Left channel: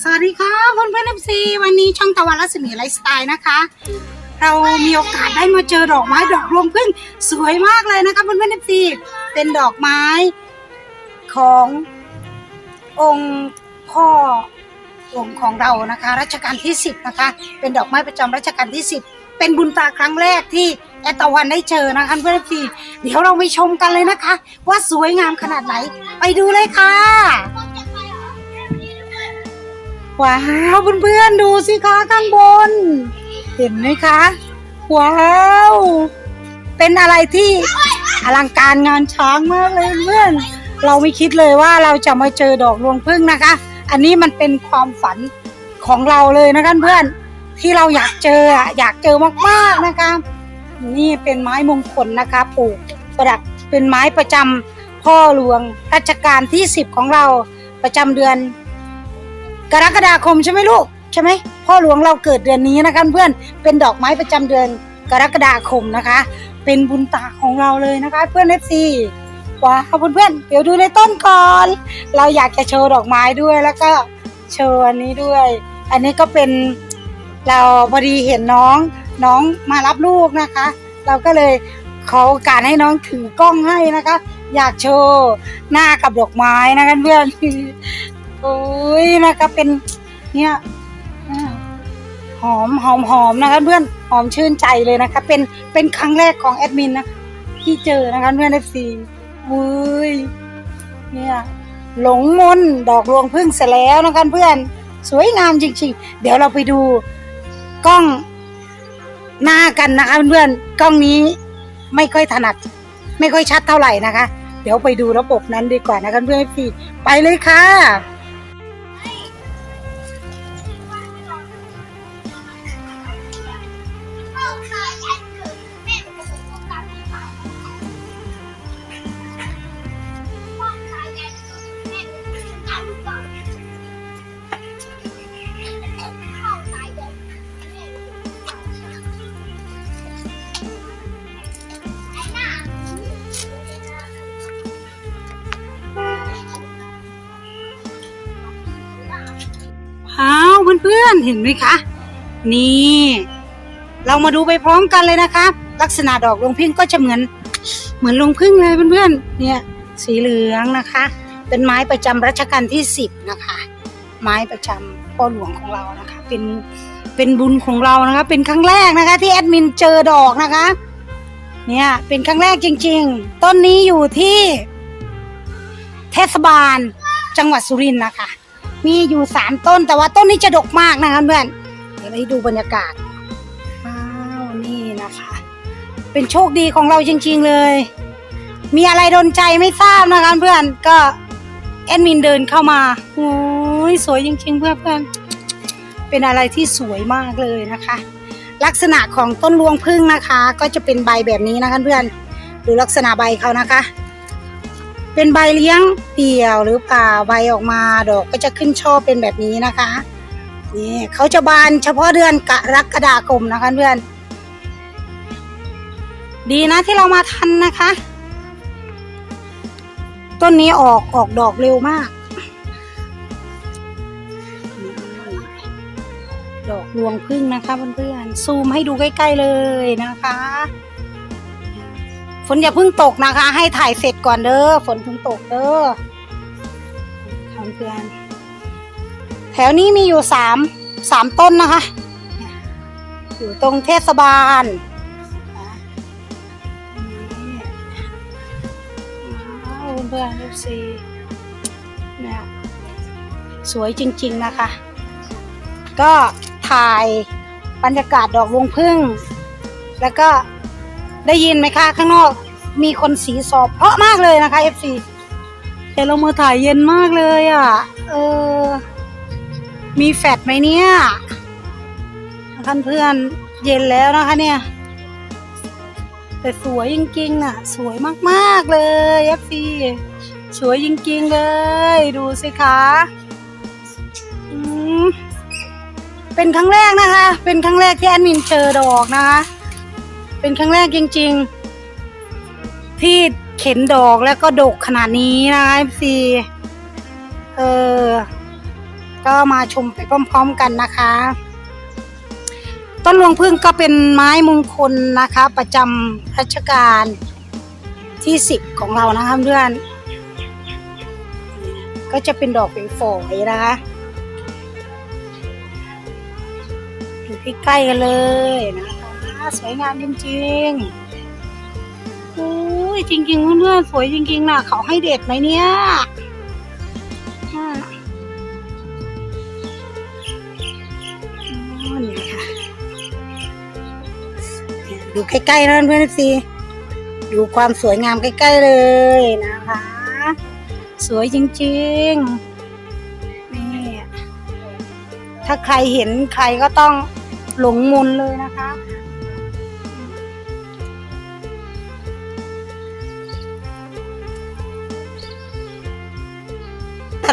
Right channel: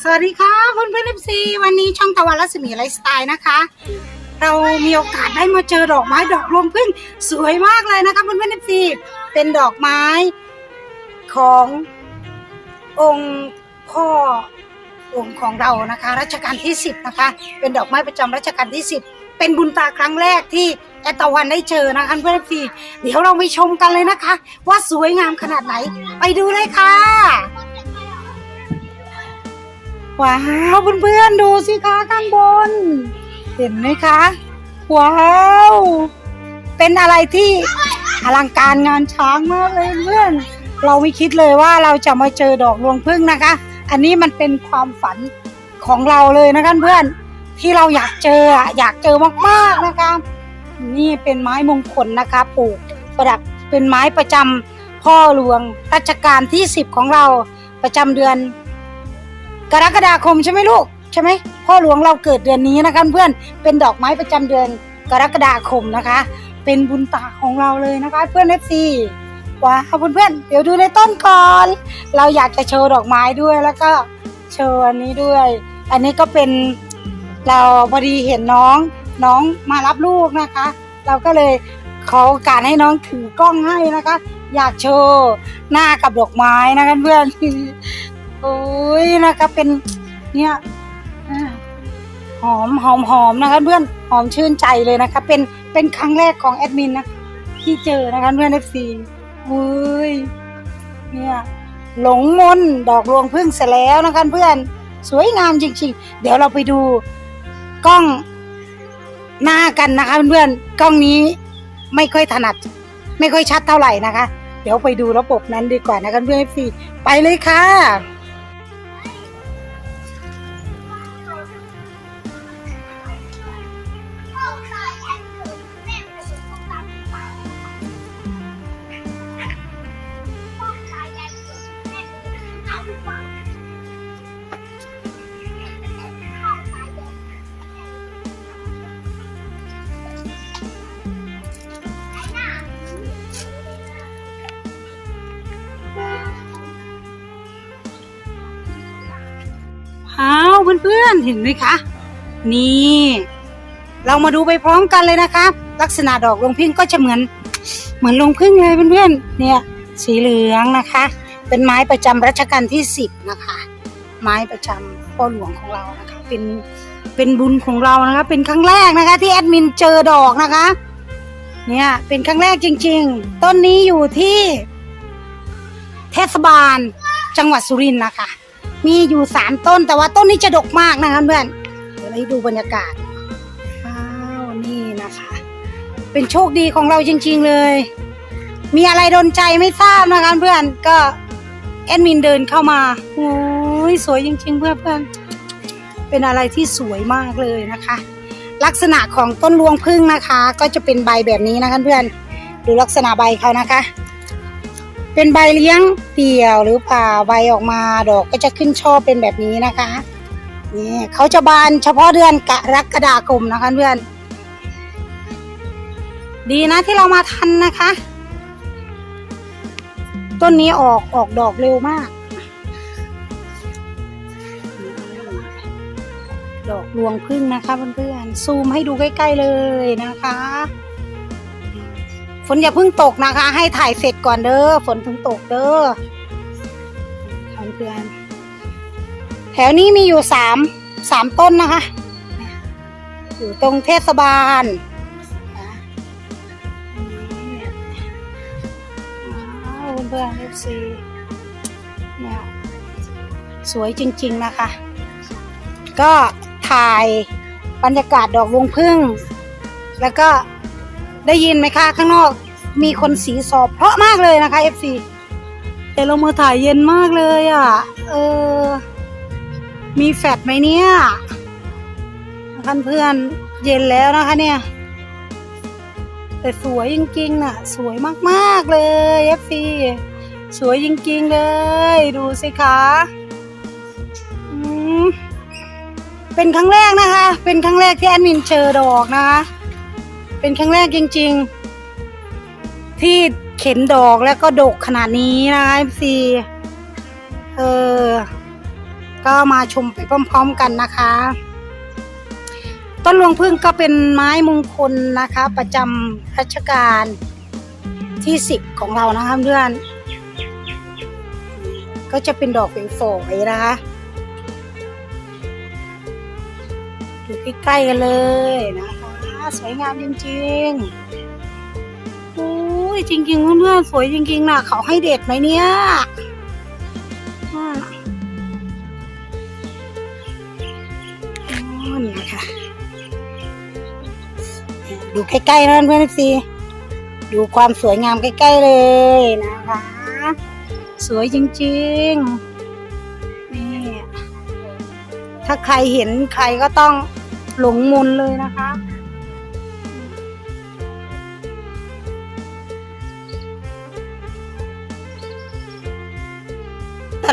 สวัสดีค่ะเพื่อนเพื่อนเอฟซีวันนี้ช่องตะวันรัศมีไลฟ์สไตล์นะคะ เรามีโอกาสได้มาเจอดอกไม้ดอกรวงพึ่งสวยมากเลยนะคะเพื่อนเพื่อนเอฟซีเป็นดอกไม้ขององค์พ่อองค์ของเรานะคะ รัชกาลที่ 10 นะคะ เป็นดอกไม้ประจำรัชกาลที่ 10 เป็นบุญตาครั้งแรกที่แอตตะวันได้เจอนะคะเพื่อนเอฟซีเดี๋ยวเราไปชมกันเลยนะคะ ว่าสวยงามขนาดไหน ไปดูเลยค่ะ ว้าวเพื่อนๆดูสิคะข้างบน เห็นไหมคะ ว้าว เป็นอะไรที่อลังการงานช้างมากเลยเพื่อน เราไม่คิดเลยว่าเราจะมาเจอดอกรวงพึ่งนะคะ อันนี้มันเป็นความฝันของเราเลยนะคะเพื่อนที่เราอยากเจออยากเจอมากๆนะคะนี่เป็นไม้มงคลนะคะปลูกประดับเป็นไม้ประจำพ่อหลวงรัชกาลที่สิบของเราประจำเดือน กรกฎาคมใช่ไหมลูกใช่ไหมพ่อหลวงเราเกิดเดือนนี้นะคะเพื่อนเป็นดอกไม้ประจำเดือนกรกฎาคมนะคะ เป็นบุญตาของเราเลยนะคะ เพื่อนเอฟซีว้าวเพื่อนๆเดี๋ยวดูในต้นก่อน เราอยากจะโชว์ดอกไม้ด้วยแล้วก็โชว์อันนี้ด้วย อันนี้ก็เป็นเราพอดีเห็นน้องน้องมารับลูกนะคะ เราก็เลยขอโอกาสให้น้องถือกล้องให้นะคะ อยากโชว์หน้ากับดอกไม้นะคะเพื่อน โอ้ยนะคะเป็นเนี่ยหอมหอมหอมนะคะเพื่อนหอมชื่นใจเลยนะคะ เป็นเป็นครั้งแรกของแอดมินนะที่เจอนะคะเพื่อนเอฟซีอุ้ยเนี่ยหลงมนดอกรวงพึ่งเสร็จแล้วนะคะเพื่อน สวยงามจริง ๆ เดี๋ยวเราไปดูกล้องหน้ากันนะคะเพื่อนกล้องนี้ไม่ค่อยถนัด ไม่ค่อยชัดเท่าไหร่นะคะ เดี๋ยวไปดูระบบนั้นดีกว่านะคะเพื่อนเอฟซีไปเลยค่ะ พื่อนๆเห็นไหมคะ นี่ เรามาดูไปพร้อมกันเลยนะคะ ลักษณะดอกลงพึ่งก็จะเหมือน เหมือนลงพึ่งเลยเพื่อนๆเนี่ย สีเหลืองนะคะ เป็นไม้ประจำรัชกาลที่สิบนะคะ ไม้ประจำพ่อหลวงของเรานะคะ เป็นเป็นบุญของเรานะคะ เป็นครั้งแรกนะคะ ที่แอดมินเจอดอกนะคะ เนี่ยเป็นครั้งแรกจริง ๆ ต้นนี้อยู่ที่ เทศบาลจังหวัดสุรินทร์นะคะ มีอยู่สามต้นแต่ว่าต้นนี้จะดกมากนะคะเพื่อนเดี๋ยวไปดูบรรยากาศอ้าวนี่นะคะ เป็นโชคดีของเราจริง ๆเลย มีอะไรโดนใจไม่ทราบนะคะเพื่อนก็แอดมินเดินเข้ามาโอ้ยสวยจริง ๆ เพื่อนเพื่อนเป็นอะไรที่สวยมากเลยนะคะ ลักษณะของต้นรวงพึ่งนะคะ ก็จะเป็นใบแบบนี้นะคะเพื่อนดูลักษณะใบเขานะคะ เป็นใบเลี้ยงเดี่ยวหรือเปล่าใบออกมาดอกก็จะขึ้นช่อเป็นแบบนี้นะคะนี่เขาจะบานเฉพาะเดือนกรกฎาคมนะคะเพื่อน ดีนะที่เรามาทันนะคะ ต้นนี้ออกออกดอกเร็วมาก ดอกรวงพึ่งนะคะเพื่อนๆซูมให้ดูใกล้ ๆเลยนะคะ ฝนอย่าเพิ่งตกนะคะ ให้ถ่ายเสร็จก่อนเด้อฝนเพิ่งตกเด้อเพื่อนแถวนี้มีอยู่สามสามต้นนะคะ อยู่ตรงเทศบาลเพื่อนเอฟซีนะสวยจริงๆนะคะ ก็ถ่ายบรรยากาศดอกวงพึ่ง แล้วก็ ได้ยินไหมคะข้างนอก มีคนสีสอบเพราะมากเลยนะคะ FC แต่เรามาถ่ายเย็นมากเลยอะ เออ มีแฟดไหมเนี่ยท่านเพื่อนเย็นแล้วนะคะเนี่ย แต่สวยจริงๆอะ สวยมากๆเลย FC สวยจริงๆเลย ดูสิคะเป็นครั้งแรกนะคะ เป็นครั้งแรกที่แอดมินเจอดอกนะคะ เป็นครั้งแรกจริง ๆ ที่เข็นดอกแล้วก็ดกขนาดนี้นะคะพี่เออก็มาชมไปพร้อม ๆ กันนะคะ ต้นรวงพึ่งก็เป็นไม้มงคลนะคะ ประจำรัชกาลที่สิบของเรานะคะเพื่อนก็จะเป็นดอกเป็นฝอยนะคะดูใกล้ๆกันเลยนะ สวยงามจริงๆอุ้ยจริงๆเพื่อนๆสวยจริงๆนะเขาให้เด็ดไหมเนี่ยดูใกล้ๆนะเพื่อนๆสิดูความสวยงามใกล้ๆเลยนะคะ สวยจริงๆนี่ถ้าใครเห็นใครก็ต้องหลงมนเลยนะคะ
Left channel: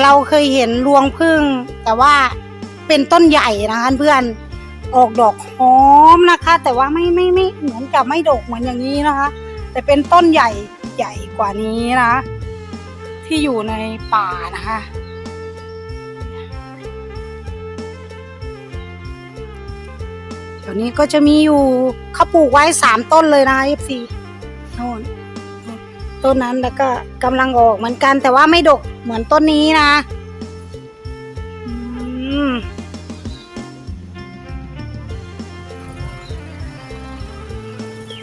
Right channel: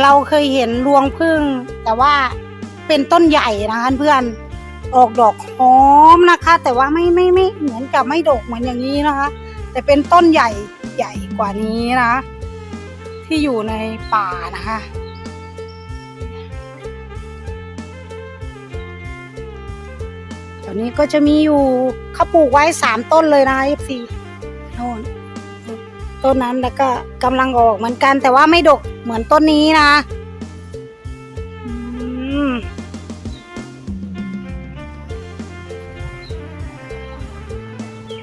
เราเคยเห็นรวงพึ่ง แต่ว่าเป็นต้นใหญ่นะคะเพื่อนออกดอกหอมนะคะ แต่ว่าไม่ไม่ไม่เหมือนกับไม่ดกเหมือนอย่างนี้นะคะ แต่เป็นต้นใหญ่ใหญ่กว่านี้นะ ที่อยู่ในป่านะคะตอนนี้ก็จะมีอยู่เขาปลูกไว้สามต้นเลยนะ FC โน่นต้นนั้นแล้วก็กำลังออกเหมือนกันแต่ว่าไม่ดก เหมือนต้นนี้นะอืม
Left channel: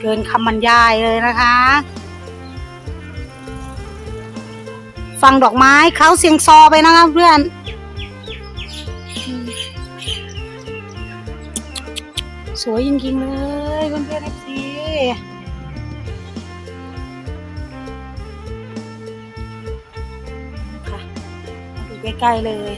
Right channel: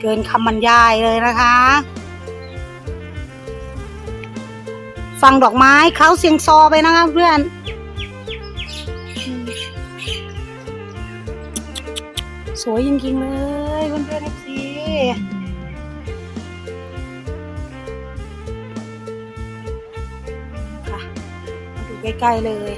เกินคำบรรยายเลยนะคะ ฟังดอกไม้เขาเสียงซอไปนะคะเพื่อนอืมสวยจริงๆเลย ใกล้ๆเลย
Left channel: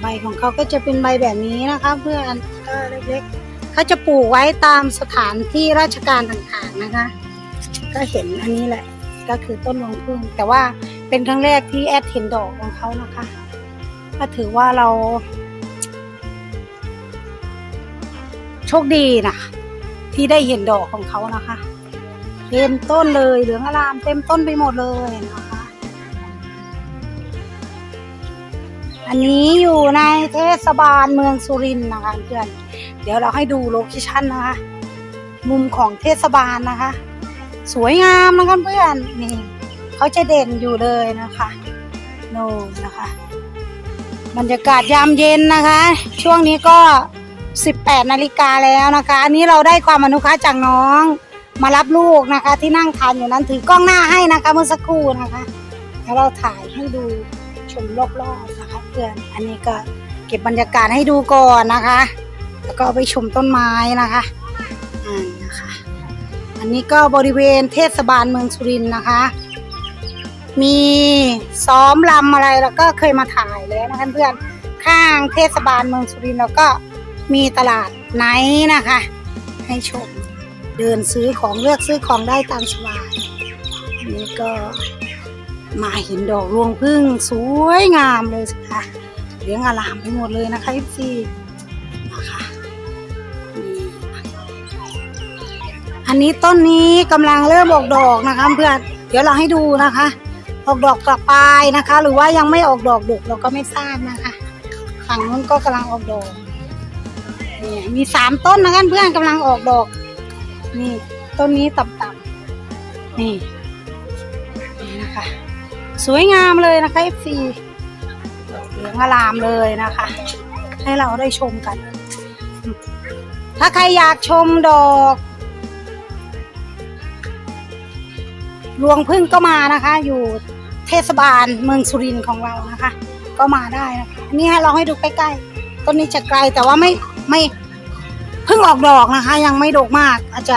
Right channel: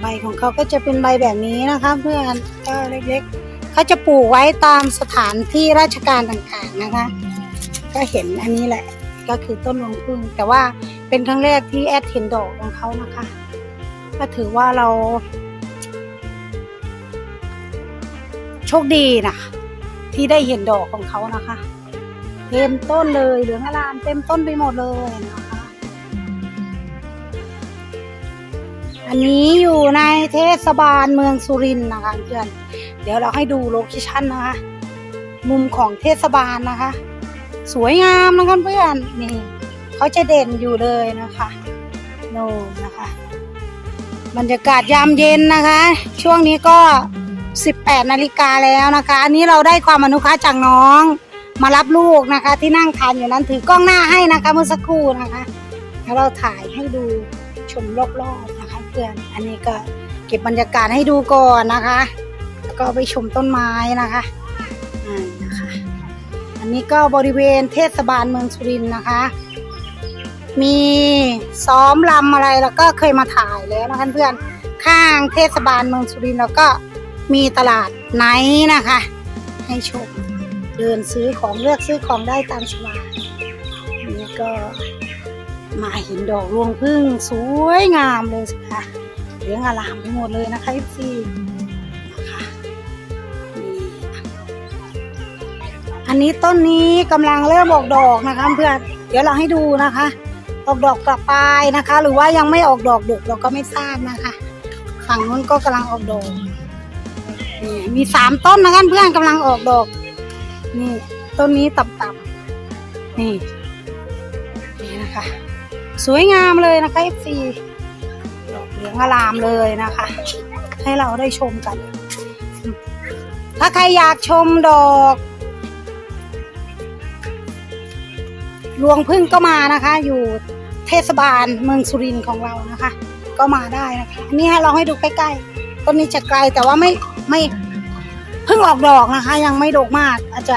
ใบของเขาก็จะเป็นใบแบบนี้นะคะ เพื่อนก็เล็กๆเขาจะปลูกไว้ตามสถานที่ราชการต่างๆนะคะ ก็เห็นอันนี้แหละ ก็คือต้นรวงพึ่งแต่ว่าเป็นครั้งแรกที่แอดเห็นดอกของเขานะคะก็ถือว่าเรา โชคดีนะที่ได้เห็นดอกของเขานะคะ เต็มต้นเลยเหลืองอลามเต็มต้นไปหมดเลยนะคะอันนี้อยู่ในเทศบาลเมืองสุรินทร์นะคะเพื่อนเดี๋ยวเราให้ดูโลเคชั่นนะคะ มุมของเทศบาลนะคะ สวยงามนะคะเพื่อนนี่เขาจะเด่นอยู่เลยนะคะโน่นนะคะ บรรยากาศยามเย็นนะคะ ช่วงนี้ก็ 18 นาฬิกาแล้วนะคะ อันนี้เราได้ความอนุเคราะห์จากน้อง มารับลูกนะคะ ที่นั่งทานอยู่นั้นถือกล้องหน้าให้นะคะเมื่อสักครู่นะคะแล้วเราถ่ายให้ดูชมรอบๆนะคะเพื่อนอันนี้ก็เก็บบรรยากาศให้ดูก่อนนะคะแล้วก็ไปชมต้นไม้นะคะอ่านะคะอันนี้ก็บริเวณเทศบาลเมืองสุรินทร์นะคะ มีซ้อมลำอะไรแล้วก็เคยมาถ่ายแล้วนะคะเพื่อนข้างเทศบาลเมืองสุรินทร์แล้วก็มีตลาดไนท์นะคะ ให้ชม เดินซื้อของเลือกซื้อของได้ตามสบายนนี้ก็มาเห็นดอกรวงพึ่งสวยงามเลยสิคะเลี้ยงอลามไปหมดเลยนะคะพี่นะคะนี่อันนี้ต้นนี้กำลังเริ่มออกดอกนะคะเพื่อนเดี๋ยวเราให้ดูนะคะ ออกดอกกระปลายนะคะ หรือว่ายังไม่ออกดอกดุกเราก็ไม่ทราบนะคะฝั่งนู้นก็กำลังออกดอกนี่มีสามต้นนะคะเพื่อนกำลังออกดอก นี่ต้นนี้ต่ำๆนี่นี่นะคะ สวยงามเลยนะคะ FC ดอกเหลืองอลามเลยนะคะ ให้เราได้ชมกัน ถ้าใครอยากชมดอกรวงพึ่งก็มานะคะ อยู่เทศบาลเมืองสุรินทร์ของเรานะคะ ก็มาได้นะคะอันนี้เราให้ดูใกล้ๆต้นนี้จะไกลแต่ว่าไม่ไม่ เพิ่งออกดอกนะคะ ยังไม่ดกมากอาจจะ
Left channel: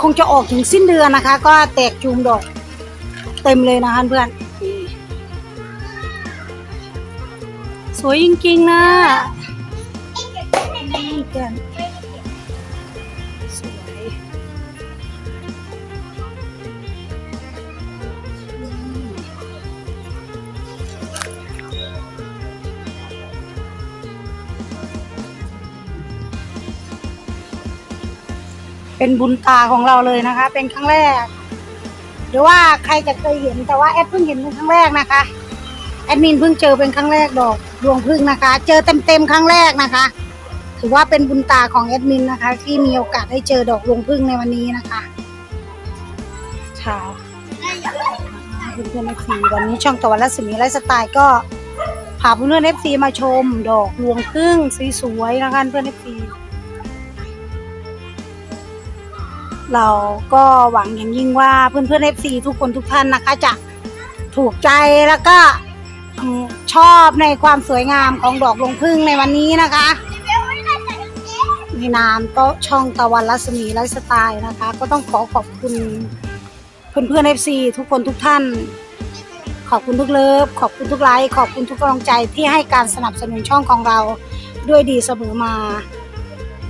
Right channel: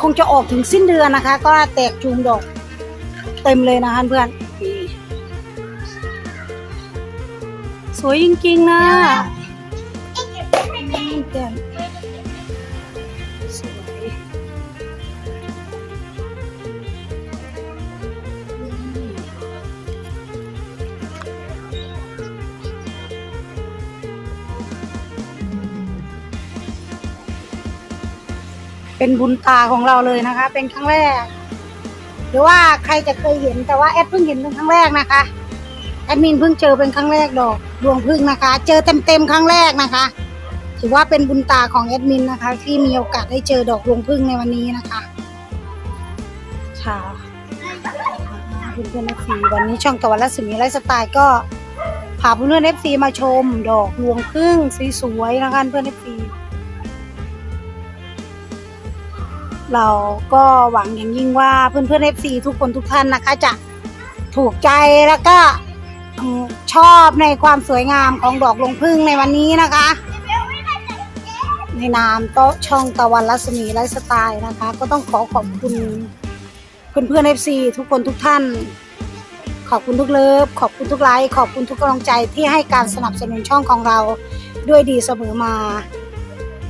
คงจะออกถึงสิ้นเดือนนะคะ ก็แตกจูมดอกเต็มเลยนะคะเพื่อน สวยจริงๆนะ เป็นบุญตาของเราเลยนะคะ เป็นครั้งแรกรือว่าใครจะเคยเห็นแต่ว่าแอดเพิ่งเห็นเป็นครั้งแรกนะคะแอดมินเพิ่งเจอเป็นครั้งแรกดอกรวงพึ่งนะคะ เจอเต็มๆครั้งแรกนะคะถือว่าเป็นบุญตาของแอดมินนะคะ ที่มีโอกาสได้เจอดอกรวงพึ่งในวันนี้นะคะค่ะเพื่อนเอฟซีวันนี้ช่องตะวันและสีไลฟ์สไตล์ก็พาเพื่อนเอฟซีมาชม ดอกรวงพึ่งสวยๆนะคะเพื่อนเอฟซี เราก็หวังอย่างยิ่งว่าเพื่อนๆ FC ทุกคนทุกท่านนะคะจะถูกใจแล้วก็ชอบในความสวยงามของดอกลงพึ่งในวันนี้นะคะ ในนามโต๊ะช่องตะวันรัศมีไลฟ์สไตล์นะคะ ก็ต้องขอขอบคุณเพื่อนๆ FC ทุกคนทุกท่าน ขอบคุณทุกเลิฟขอบคุณทุกไลค์ขอบคุณทุกกำลังใจที่ให้การสนับสนุนช่องของเราด้วยดีเสมอมา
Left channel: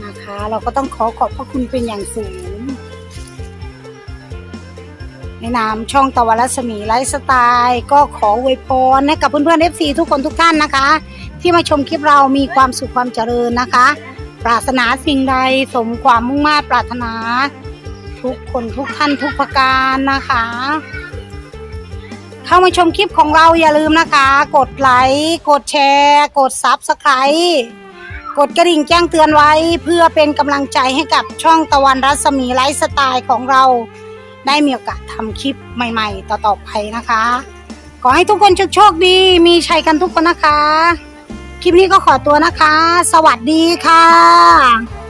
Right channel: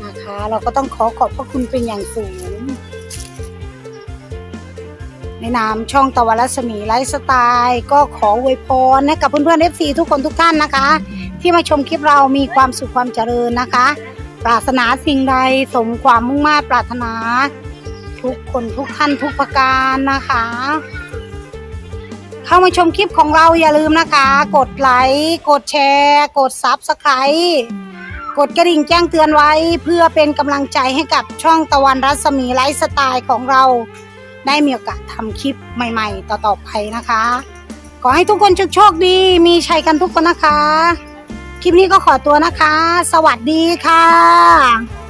นะคะ เราก็ต้องขอขอบพระคุณเป็นอย่างสูง นามช่องตะวันรัศมีไลฟ์สไตล์ก็ขออวยพรให้กับเพื่อนๆ FC ทุกคนทุกท่านนะคะ ที่มาชมคลิปเรามีความสุขความเจริญนะคะ ปรารถนาสิ่งใดสมความมุ่งมา่ปรารถนา ทุกคนทุกท่านทุกประการนะคะ เข้ามาชมคลิปของเราอย่าลืมนะคะ กดไลค์กดแชร์ กดซับสไครต์กดกระดิ่งแจ้งเตือนไว้ เพื่อเป็นกำลังใจให้กับช่องตะวันรัศมีไลฟ์สไตล์ของเรา ได้มีโอกาสทำคลิปใหม่ๆ ต่อๆไปนะคะ ขอให้ทุกคนโชคดี มีชัยกันทุกคนนะคะ คลิปนี้ก็ขอตัวนะคะ สวัสดีค่ะ